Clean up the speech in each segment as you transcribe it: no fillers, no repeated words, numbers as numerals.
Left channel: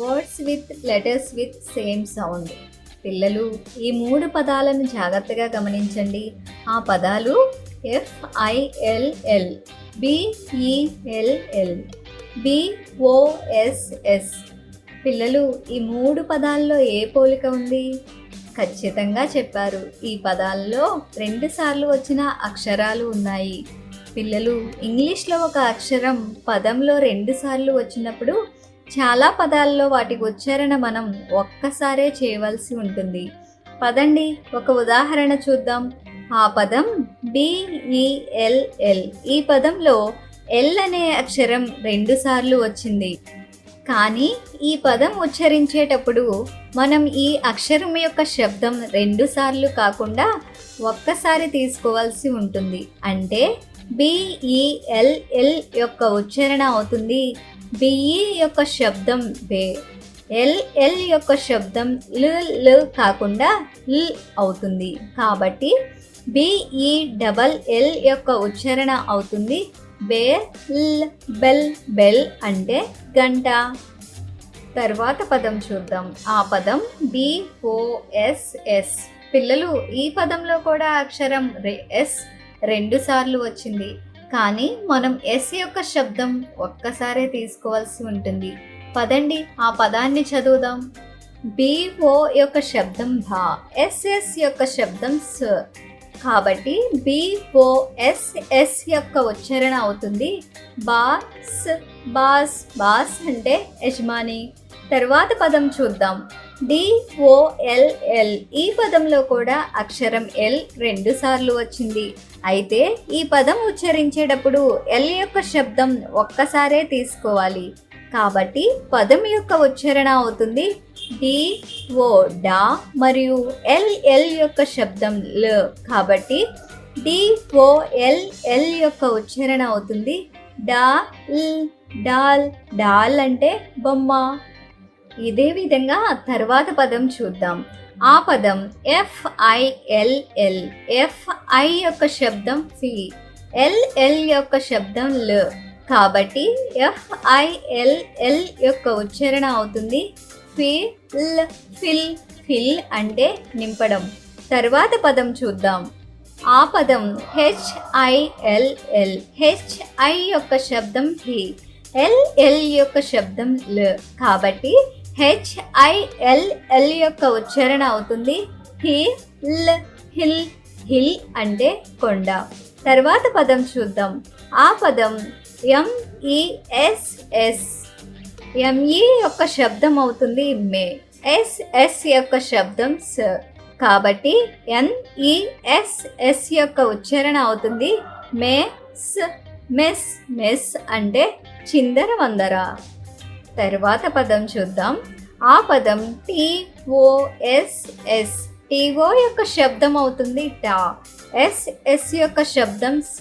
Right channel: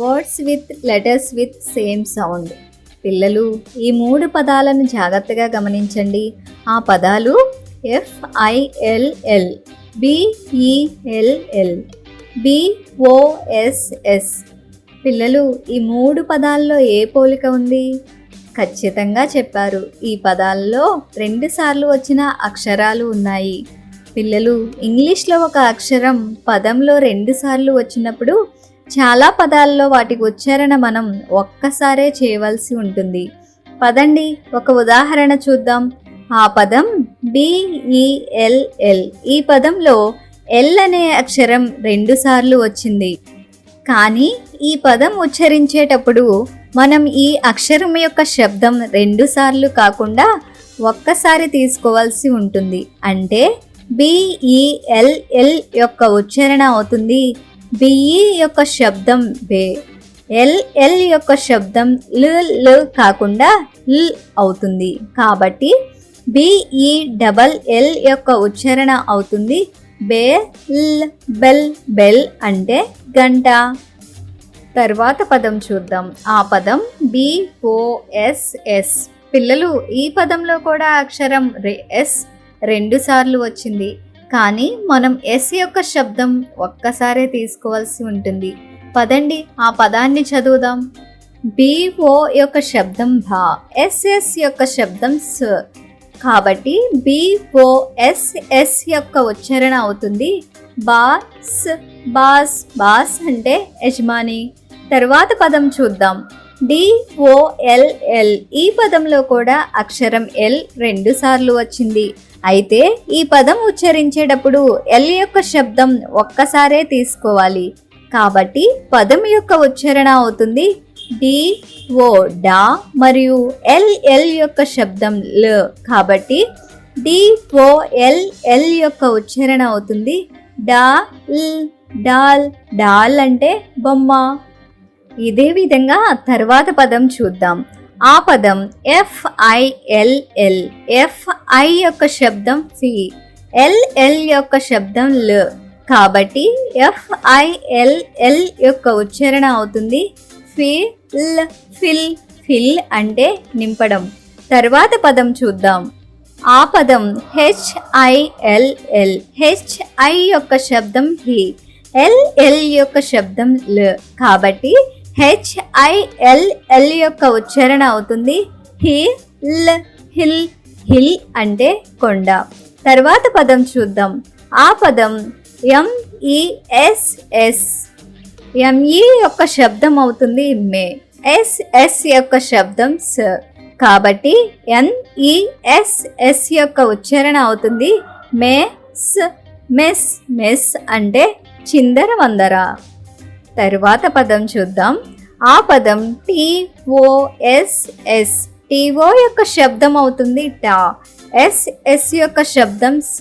Words with letters with same sound. పిల్లలు, ఈ 3 పదాలను జాగ్రత్తగా గమనించండి. ఆ పదాలు FILL, BELL, BOSS. పిల్లలు, ఈ 3 పదాల్లో ఏ పోలిక ఉంది? ఖచ్చితంగా చెప్పారు. ఈ పదాల్లో 2 సార్లు వచ్చిన అక్షరాలు ఉన్నాయి. పిల్లలు, ఇంగ్లీష్లో ఒక అక్షరం పదంలో 2 సార్లు వచ్చినప్పుడు చాలా పదాల్లో వాటి ఉచ్చారణ మనం ఒక్కసారే చేయవలసి ఉంటుంది. పదండి, ఒక ఉదాహరణ చూద్దాం. ఆ పదం BELL. ఈ పదంలో ఎల్ అనే అక్షరం 2 సార్లు వచ్చింది. కానీ ఈ పదం ఉచ్చరించేటప్పుడు మనం ఈ అక్షరం యొక్క శబ్దం 2 సార్లు కాకుండా ఒక్కసారి తీసుకోవాల్సి ఉంటుంది. అంటే BELL యొక్క ఉచ్చారణ అవుతుంది బిఈ యొక్క శబ్దం బే. LL యొక్క శబ్దం ల్ కాకుండా ల్ అవుతుంది. కాబట్టి BELL యొక్క ఉచ్చారణ అవుతుంది బే ల్ బెల్. బెల్ అంటే గంట. తర్వాత పదం చూద్దాం. ఆ పదం BOSS. పిల్లలు, ఈ పదంలో కూడా అక్షరం S 2 సార్లు వచ్చింది. కానీ మనం S యొక్క శబ్దం ఒక్కసారే తీసుకోవాల్సి ఉంటుంది. పదండి, ఆ పదాన్ని చదువుదాం. BO యొక్క శబ్దం భా, SS యొక్క శబ్దం స. కాబట్టి BOSS యొక్క ఉచ్చారణ అవుతుంది బాస్. బాస్. బాస్ అంటే యజమాని. తర్వాత పదం చూద్దాం. DOLL. ఈ పదంలో కూడా అక్షరం L 2 సార్లు వచ్చింది. అయితే ఈ పదం ఉచ్చరించేటప్పుడు L యొక్క శబ్దం ఒక్కసారే తీసుకోవాలి. కాబట్టి పదం యొక్క ఉచ్చారణ అవుతుంది DO డా మరియు LL యొక్క శబ్దం ల్. కాబట్టి DOLL యొక్క ఉచ్చారణ అవుతుంది డా ల్ డాల్. డాల్ అంటే బొమ్మ. ఇదే విధంగా తర్వాత పదం చూద్దాం. ఆ పదం FILL. FI యొక్క శబ్దం ఫి, LL యొక్క శబ్దం ల్. కాబట్టి FILL యొక్క ఉచ్చారణ అవుతుంది ఫిల్. ఫిల్. ఫిల్ అంటే నింపడం. తర్వాత పదం చూద్దాం. ఆ పదం HILL. HI యొక్క శబ్దం హి, LL యొక్క శబ్దం ల్. కాబట్టి HILL యొక్క ఉచ్చారణ అవుతుంది హిల్. హిల్. హిల్ అంటే కొండ. తర్వాత పదం చూద్దాం. ఆ పదం MESS. ME యొక్క శబ్దం అవుతుంది మే, SS యొక్క శబ్దం స. కాబట్టి NESS యొక్క ఉచ్చారణ అవుతుంది మెస్. మెస్. మెస్ అంటే చిందర వందర. తరువాత పదం చూద్దాం. ఆ పదం TOSS. TO యొక్క శబ్దం అవుతుంది టా, SS యొక్క శబ్దం స.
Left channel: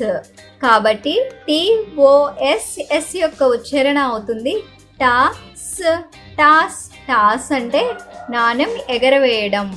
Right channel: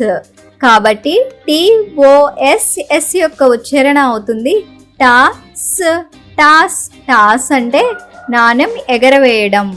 కాబట్టి TOSS యొక్క ఉచ్చారణ అవుతుంది టాస్. టాస్. టాస్ అంటే నాణెం ఎగరవేయడం.